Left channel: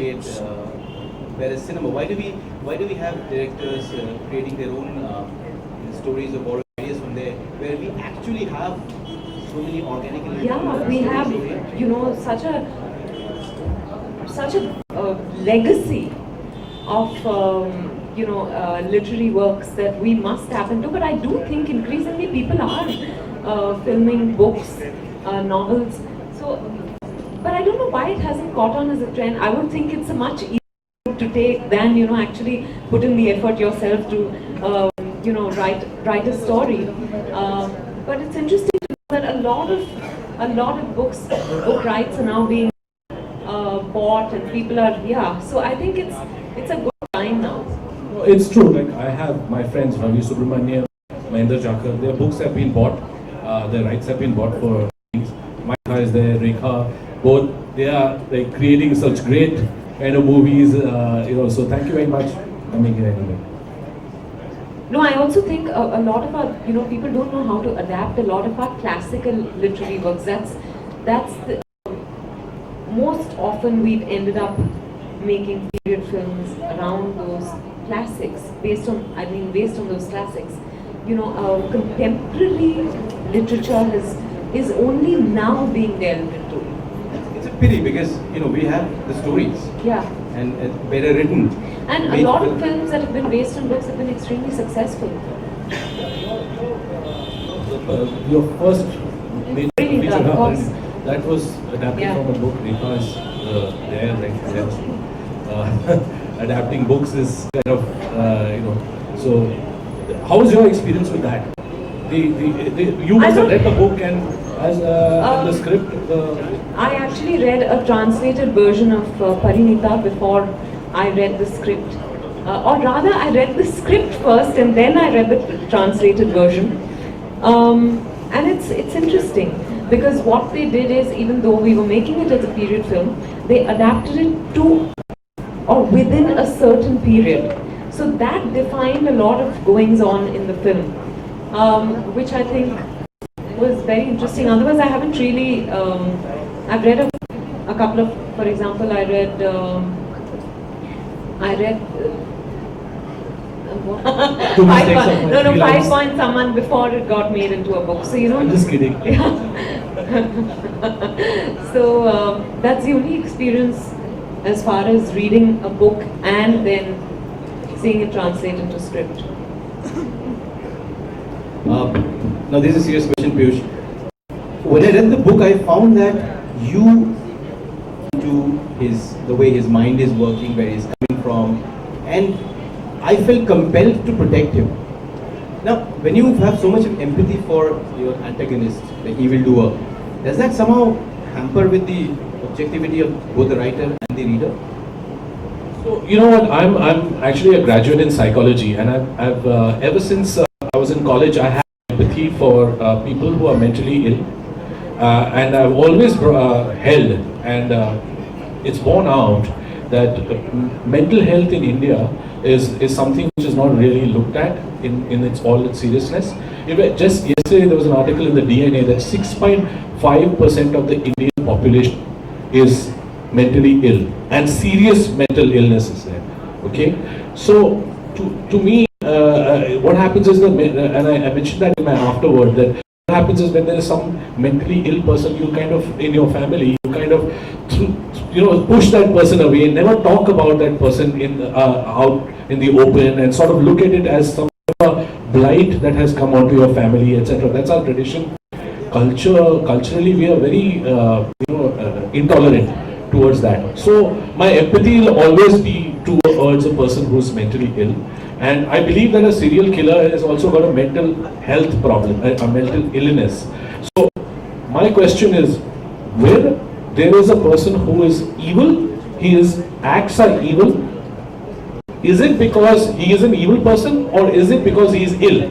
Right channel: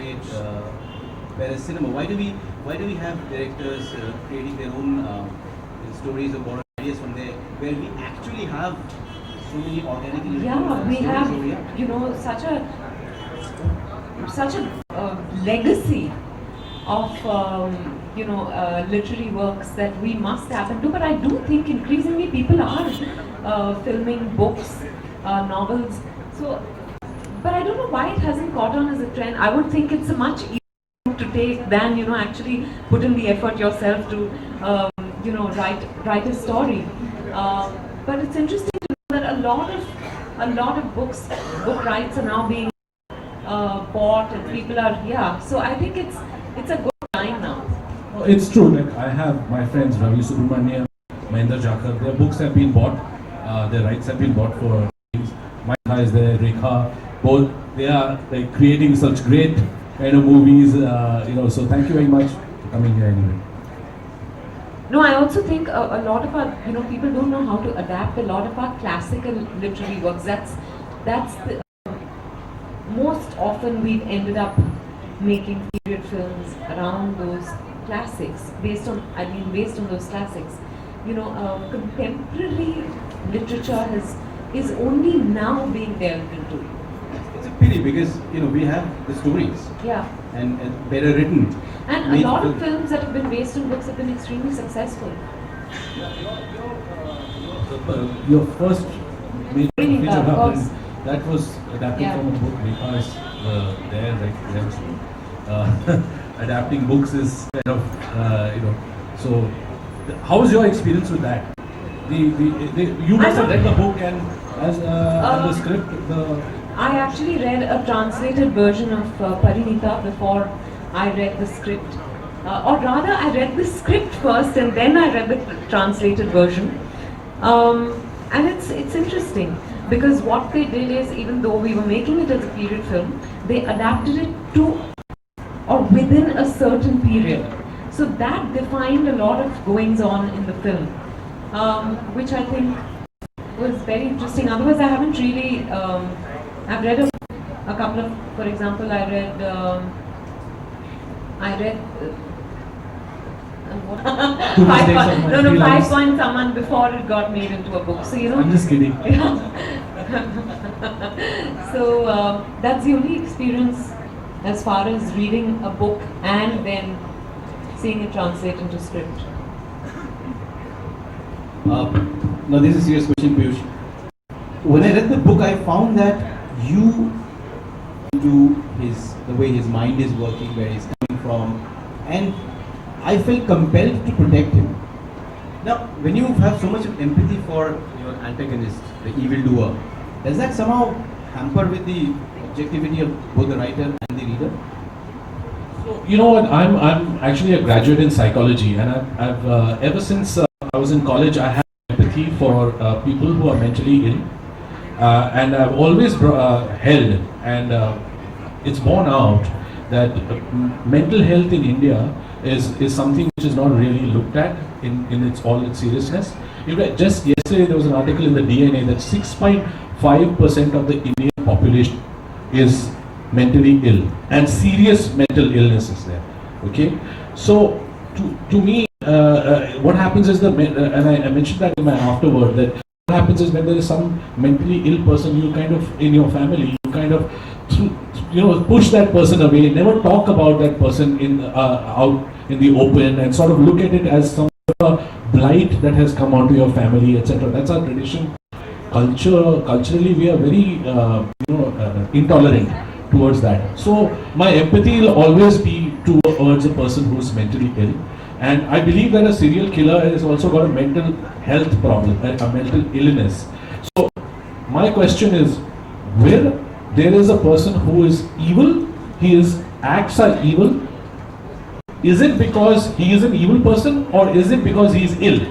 wide there is cinema. Why do we have directors creating their own stories or borrowing ideas from there, where we actually have so many organic we have, you know, such a legacy of literary works that we must tap into. But I do think increasingly people are filming books, novels. So, but I don't know why it hasn't caught on as a trend. I would think it's a much easier route to take than, you know, actually put in the effort yourself to write a story. But it's interesting to know that a lot of book rights are now being bought, and people are so I think it's a good time now. No, it's true. Like, I have my friends Ravi Subramanian, Mahendra Jakar. Their books have been bought. Their rights have been bought for things. Mike is there, Rekha. Both they are like creating such great kind of movies. So thank you very much for coming here anyway. No, I also think a lot of our, people don't know how to adapt a lot of our classical literary works. That's the, most often we've ended up making period films around those classics, based on those classics. Contemporary literature is only now being delved into. It's a pity because we have the stories. Yeah. And better written. And a lot of films that have been based on books have been extremely successful. Your first main feature, that was adapted from a book. Rekha's there, right there. Adapting books is kind of, So, how was your experience with that? You must have read the book and the script. I actually read a translated version of Parinita before I read the script. Or rather, I read the script first and then I read the translated version. And it's interesting because what they did is, even though we were making it as a period film, they adapted it to or within a certain period. So that defined a lot of goings on in the film, which I think was very interesting. Otherwise, I haven't really. I've read a couple of, for example, I read. Five Point Someone before it got made into a book. So I'm just kidding. So that's the only experience as far as reading a book and then seeing it translate into script. Now this is a serious question, Piyush. When I read the book, I found that you do the way his mind is working, where he's coming from, and I felt compelled to protect him. Now, when you have so much of empathy for your antagonist, the evildoer, does that somehow hamper with the objectivity of both the writer and the reader? So, you know what, I'm actually a graduate in psychology, and I've ever since I was in college, I have empathy for people who are mentally ill, and I've always held, and it's borne out that mental health in India is something which is not really looked at in its seriousness. Just yesterday there was an article in the DNA that 6.5% of the Indian population is mentally ill, and serious mental illness is there. Okay, so to me, what happens is and I mentioned that in my afterword, that what happens is when there is some mentally ill person, you kind of in your family, you kind of push that person away, never talk about that person out in the open, and sort of look at it as some blight that has come onto your family, etc. That's our tradition. Culturally, we are very intolerant towards that. So my empathy will always be towards a person who is mentally ill, and I believe that a serial killer has also got a mental health problem, a mental illness. So my question is, where there is a person who is evil, his acts are evil, is it because he is an evil person, or is it because he is ill?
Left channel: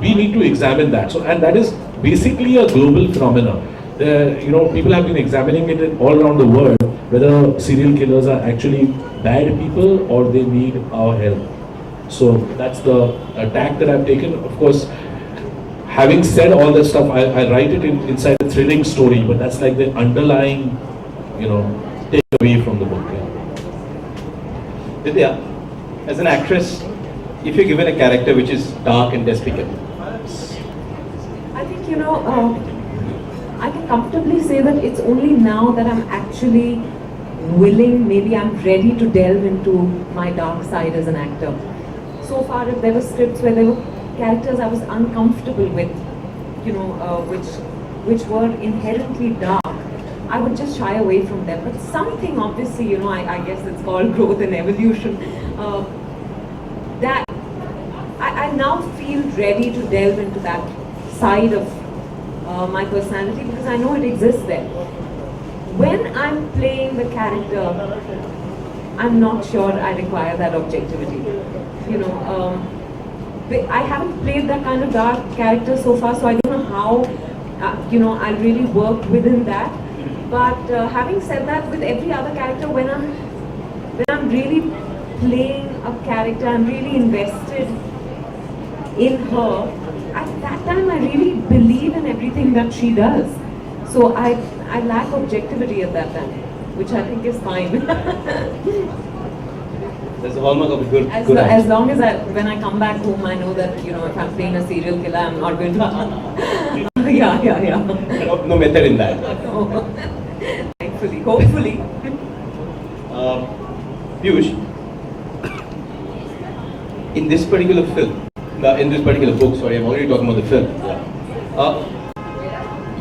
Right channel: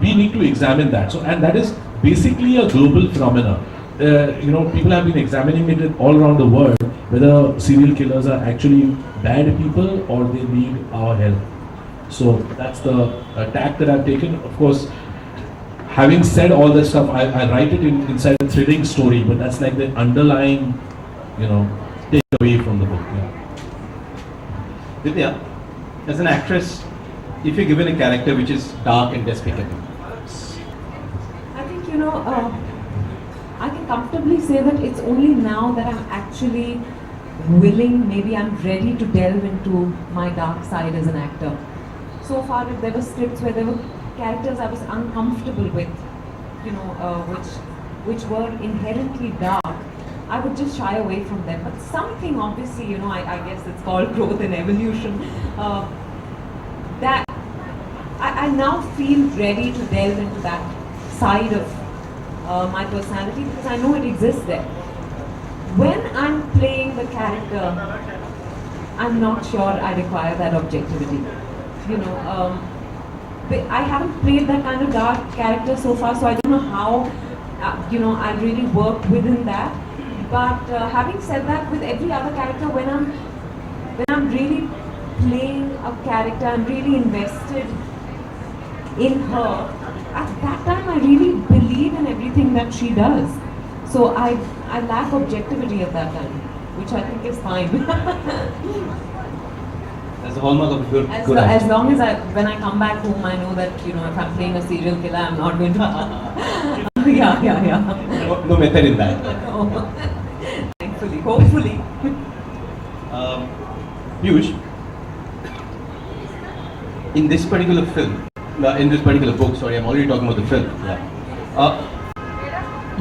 We need to examine that. So, and that is basically a global phenomenon. People have been examining it all around the world, whether serial killers are actually bad people or they need our help. So that's the tack that I've taken. Of course, having said all that stuff, I write it inside a thrilling story, but that's like the underlying, take away from the book. Yeah. Vidya, as an actress, if you're given a character which is dark and despicable, I think, I can comfortably say that it's only now that I'm actually willing, maybe I'm ready to delve into my dark side as an actor. So far, if there were scripts where there were characters I was uncomfortable with, which were inherently dark, I would just shy away from them. But something, obviously, I guess it's called growth and evolution, that I now feel ready to delve into that side of my personality because I know it exists there. When I'm playing the character, I'm not sure I require that objectivity. I haven't played that kind of dark character so far, so I don't know how, I'll really work within that. But having said that, with every other character, when I'm really playing a character, I'm really invested in her. At that time, I really believe in everything that she does. So I lack objectivity at that time, which I think is fine. That's the hallmark of a good As actor. long as when I come back home, I know that, if I'm playing a serial killer, I'm not going to... yeah. No method in that. Thankfully, hopefully. Piyush, in this particular film, in this particular book, sorry, I'm already talking about the film.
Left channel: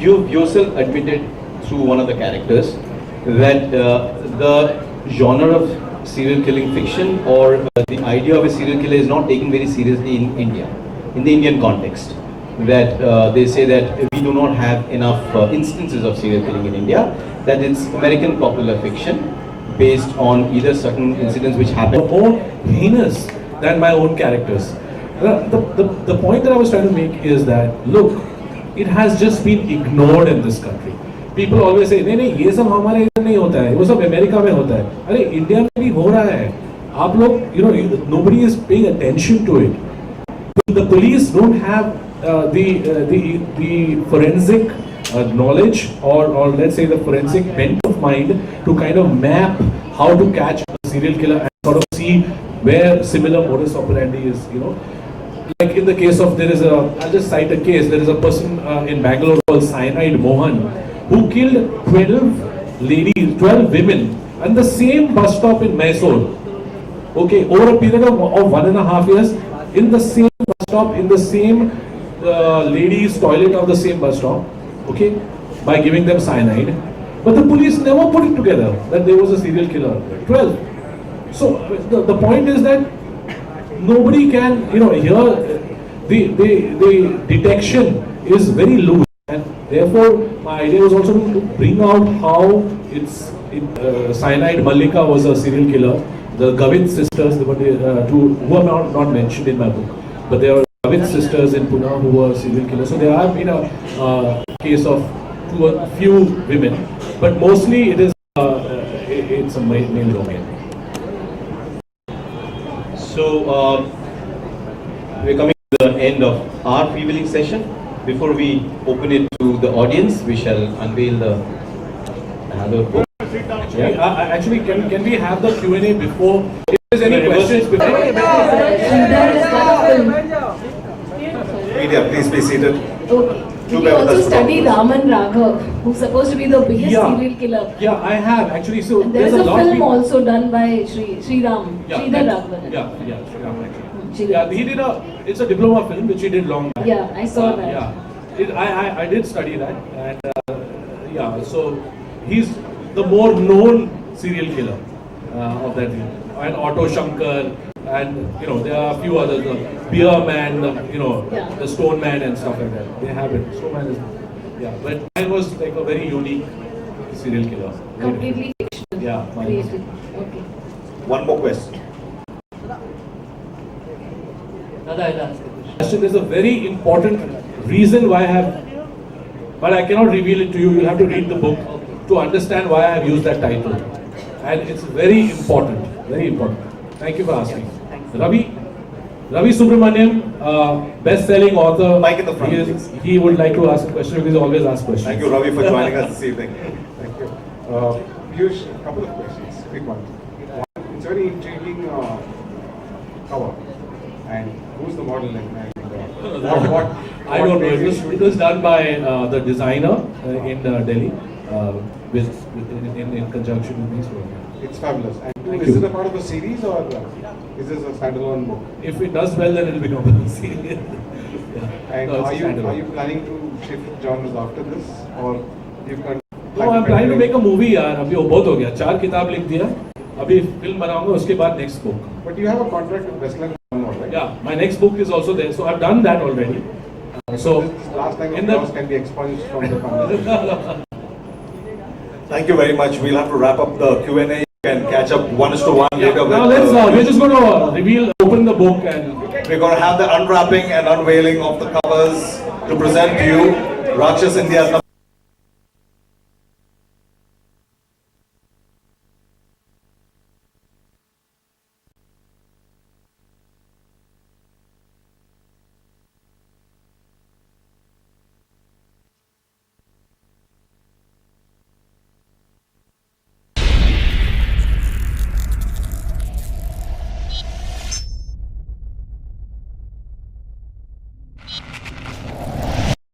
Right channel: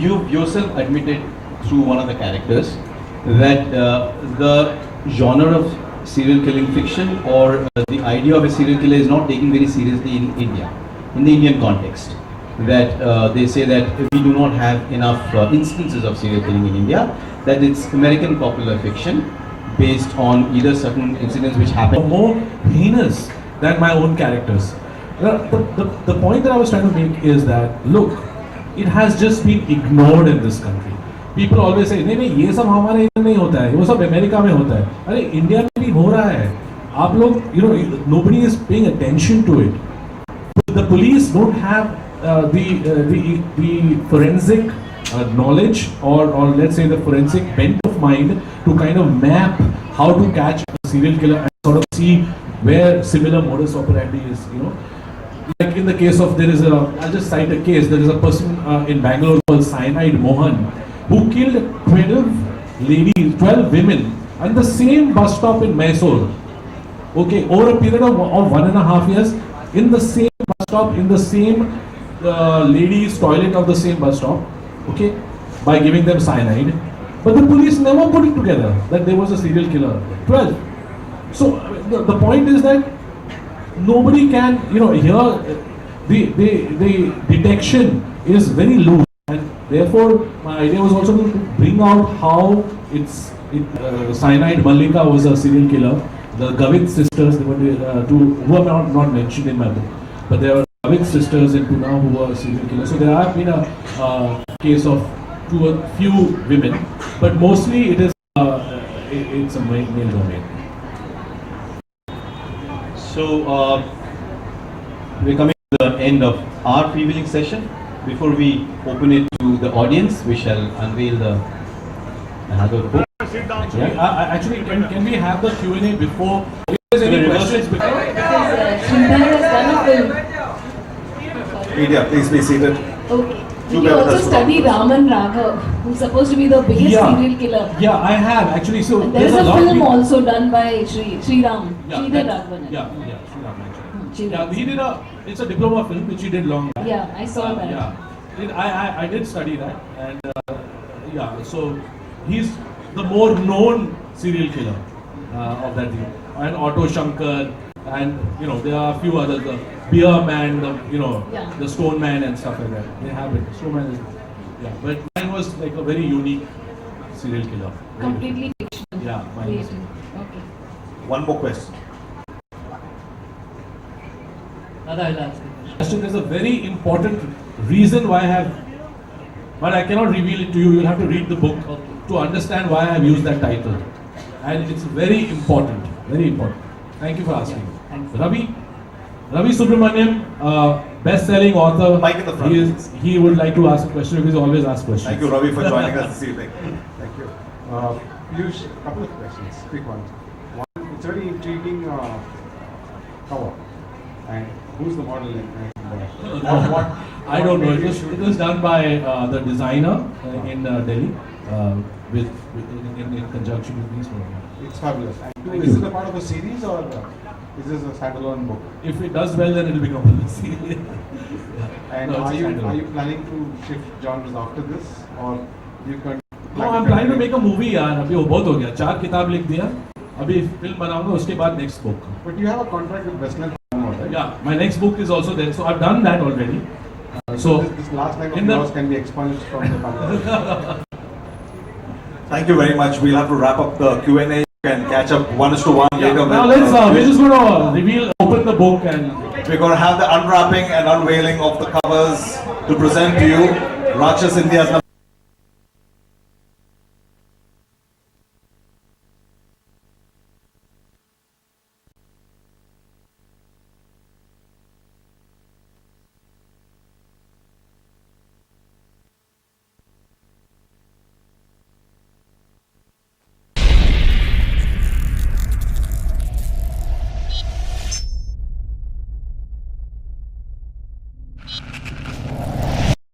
You yourself admitted through one of the characters that the genre of serial killing fiction or the idea of a serial killer is not taken very seriously in India, in the Indian context. That they say that we do not have enough instances of serial killing in India, that it's American popular fiction based on either certain incidents which happen. More heinous than my own characters. The point that I was trying to make is that, look, it has just been ignored in this country. People always say, नहीं नहीं ये सब हमारे इधर नहीं होता है, वो सब अमेरिका में होता है. अरे इंडिया में भी हो रहा है. आप लोग, nobody is paying attention to it. The police don't have the forensic knowledge or let's say the forensic bent of mind to kind of map how to catch a serial killer and sort of see where similar modus operandi is, Like in the case of, I'll just cite a case, there is a person in Bangalore called Cyanide Mohan who killed 12 women at the same bus stop in Mysore. Okay, over a period of 1.5 years, in the same bus stop, in the same ladies' toilet of the same bus stop, okay, by giving them cyanide. But the police never put it together that there was a serial killer. 12. So the point is that nobody can, here the detection is very loose, and therefore my idea was also to bring out how Cyanide Mallika was a serial killer. The Gavit sisters, who are not mentioned in my book, but there are Gavit sisters in Pune who were serial killers. So there have been a case of a few women, but mostly it's a male domain. So we're coming to the end of our freewheeling session. Before we open it to the audience, we shall unveil another book. Actually, can we have the Q&A before? If there's any questions before? Vidya, please be seated. Okay. Do You bear with also us for studied all Raman Raghav, who's supposed to be the biggest serial killer. Yeah, I have actually. So And there is a lot of film people- also done by Sri Ram, Yeah, Sridhar that- Raghavan. Yeah, Sri Ram actually. Sri Yeah, Ram. he did it's a diploma film which he did long back. Yeah, I saw that. Yeah, I did study that, and so he's the more known serial killer of that thing. And Otto Shankar, and there are a few others, the Beer Man, Yeah. the Stone Man and stuff like that. They have it. Stone Man is, but mine was like a very unique serial killer. Very Completely fictional. different. Yeah, mine was. Created. Okay. One more question. There's a very important reason why I have, but I cannot reveal it to you. You'll have to read the book to understand why I have used that title. And it's very important, very important. Thank you for asking. Ravi Subramaniam, best-selling author. Mic in the front, please. He would like to ask a question because he always asks questions. Thank you, Ravi, for joining us this evening. Thank you. Piyush, a couple of questions, quick ones. One, it's very intriguing cover. And who's the model what I don't know. It was done by the designer in Delhi in conjunction with me. So It's fabulous. And Thank is you. it a part of the series or is this a standalone book? if it does well, then it'll become a series. And No, it's are a you standalone. planning to shift genres after this, or you can? No, I'm planning to make a movie यार. अभी वो बहुत हो गया. 4 किताब लिख दिया. अभी फिल्म बनाऊंगा उसके बाद next book. But you have a contract with Westland, right? Yeah, my next book is also there. So I've done that already. So This last line in of the- yours can be expunged from the conversation. Thank you very much. We'll have to wrap up the Q&A. You can catch up 1:1 yeah, later. now with, let's we're just going to open the book and We're going to have the unwrapping and unveiling of the covers to present to you. Raakshas India's